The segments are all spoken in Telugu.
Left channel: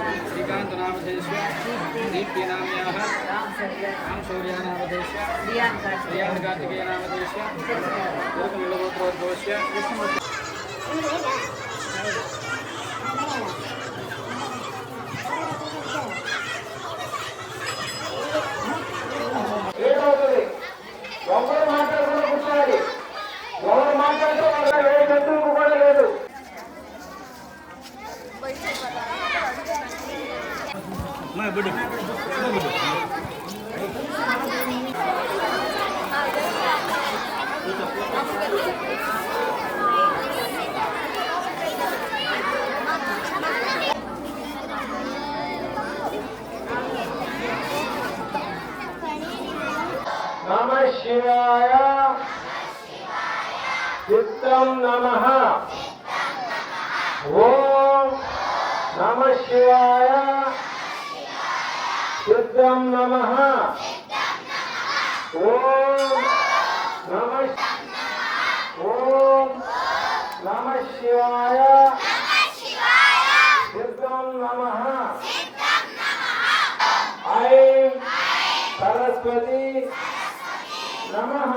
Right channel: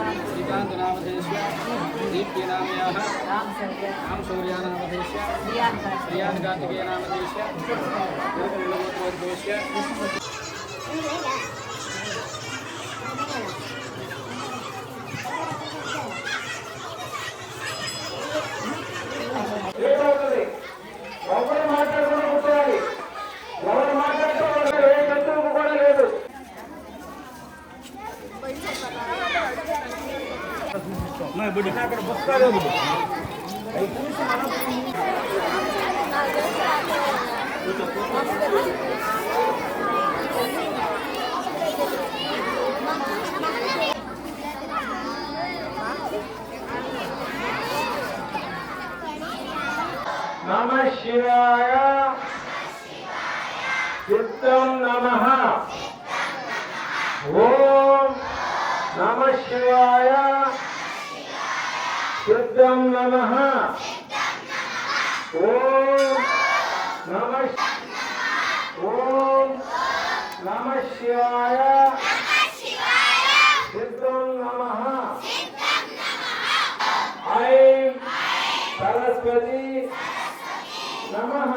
श्रीकान्तनामधेश्व दीप्तिनामयाः रामशौर्यानामधेश्व श्रियान् कार्तिकेयनामधेश्व ಬಿಡಿ ನಮ ಶಿವಾಯ ಚಿತ್ತಂ ನಮಃ ಓಂ ನಮ ಶಿವಾಯ एकदम नमः। ओम नमः। ओम नमः। शिवाय। एकदम नमः। ऐं सरस्वती नमः।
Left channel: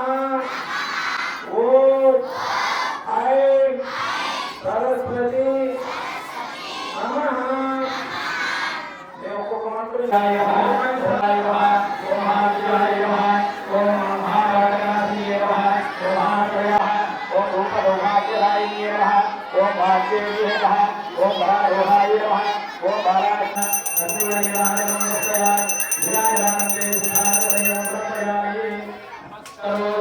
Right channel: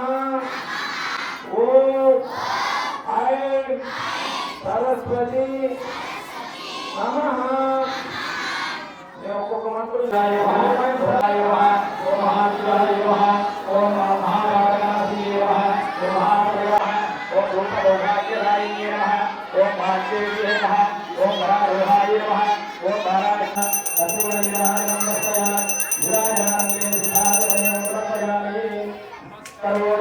ओम ऐं सरस्वती नमः। मैं आपको कमांड करूँगा। ओम भाग्यहारी नमः। ओम भाग्यदेव जी नमः। ओम भारोहारी नमः। ओम भारात लक्ष्मीनारायण नमः नमस्कार। विराय राम देव सुधार रहे ओम ब्रह्मयामी नमस्कार।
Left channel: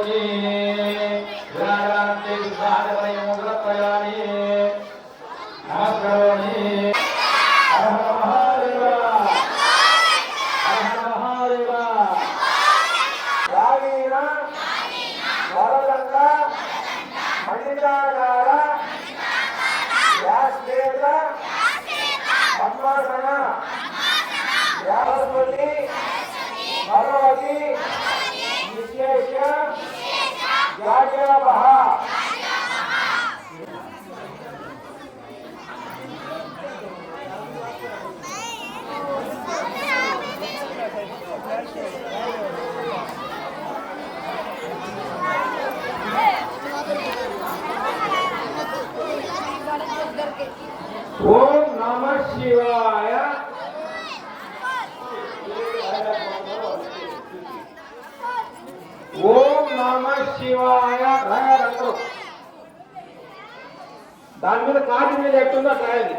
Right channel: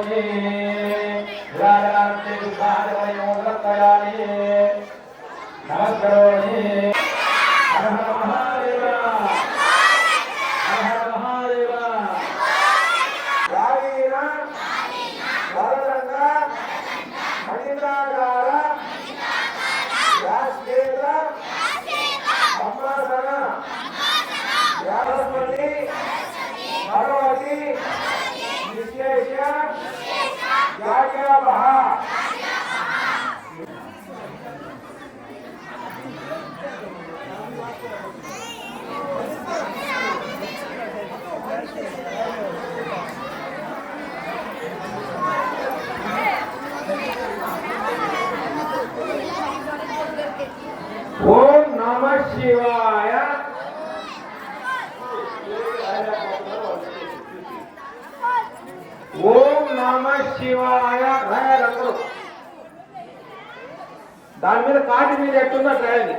నమ శివాయ రాయాలందరూ దాని మీద కార్డు మీద ఎట్టుందో రాయాలి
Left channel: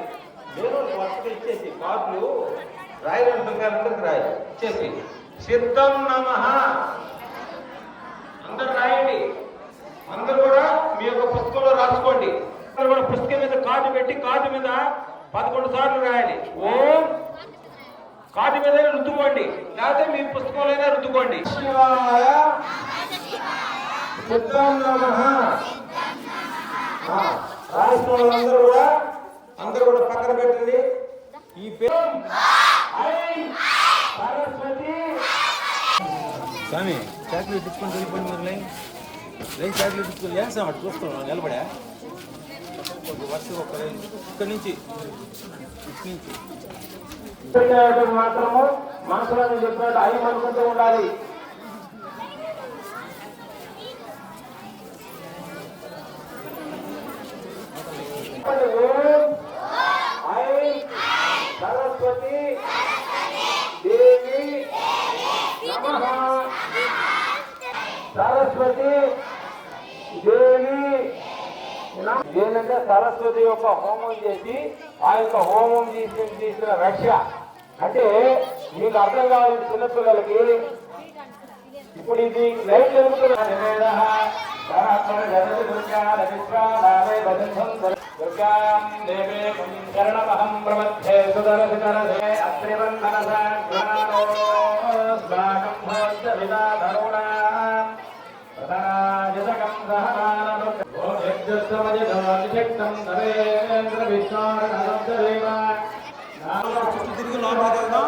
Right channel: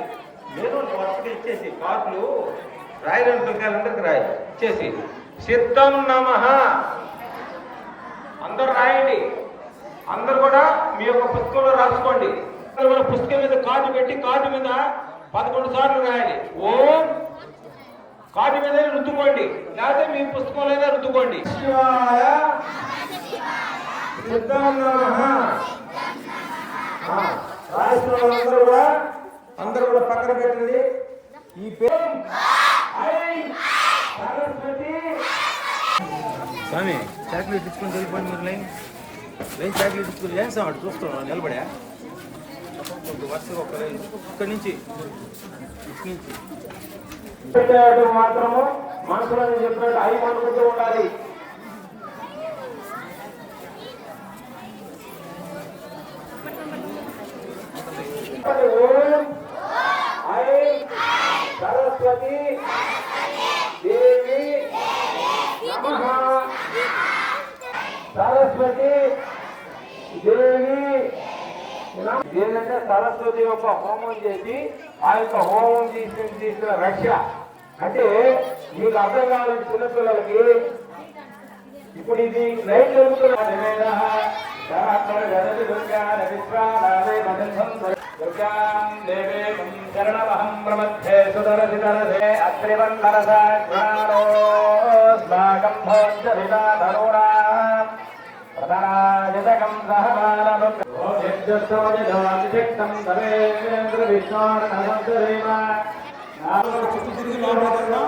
నేను కొత్తగా ఇచ్చేసి కార్డులు రాయలేని పిల్లకాయలందరికి రాయి. ఇచ్చేసి సిద్ధం నమ. అందరు రాయండి. అందరు కూడా మీ యొక్క పుస్తకంలో రాసుకోండి. అందరూ కూడా పుస్తకం మీద కార్డు పెట్టి కార్డు మీద పదకొండు సార్లు రాయాలి. ఓం. కార్డు మీద రుద్దుకోండి. లేకపోతే మీ పుస్తకంలో రుద్దుకోండి. శివాయ సిద్ధం నమ రాసిన వాళ్ళందరూ కూడా అందరూ కూడా పక్కన పెట్టండి. ఈ పేరు సరస్వతి. స్వామి చాక్లెట్ ఇచ్చుకొని వెళ్ళిపోయింది మరి లైన్ లైన్ చాక్లెట్ ఇచ్చుకొని ఏం సార్ చూస్తున్నాం నిలబడా? ఇక్కడి నుంచి మాత్రము మనసులో చెప్పినట్టు అయి అనుకుంటూ ఉండాలి. సరస్వతి. దేవి. సరస్వతి. దేవి. ఏంటంటే సరస్వతి యొక్క హోమం చేసి ఆ యొక్క హోమం చేసి చేసిన రక్ష. అంటే మీకు అర్థం కావాలంటే చిన్నపిల్లలకి. ఇప్పుడు ఇది లైట్ ఎరుగుతున్న శరణమహం ప్రమధ్యే సుదరసిదరసే అత్రివన్నరసాగ్రాణోస్మాకం భోజ్య వివాదగుణా ప్రధానాయతకం సహమానను ఓ యజ్ఞస్వమయధానిశక్తం తమేంద్ర విష్ణోరనవంతరేవ చుట్టూ తిరిగి లోపలికి వెళ్దాం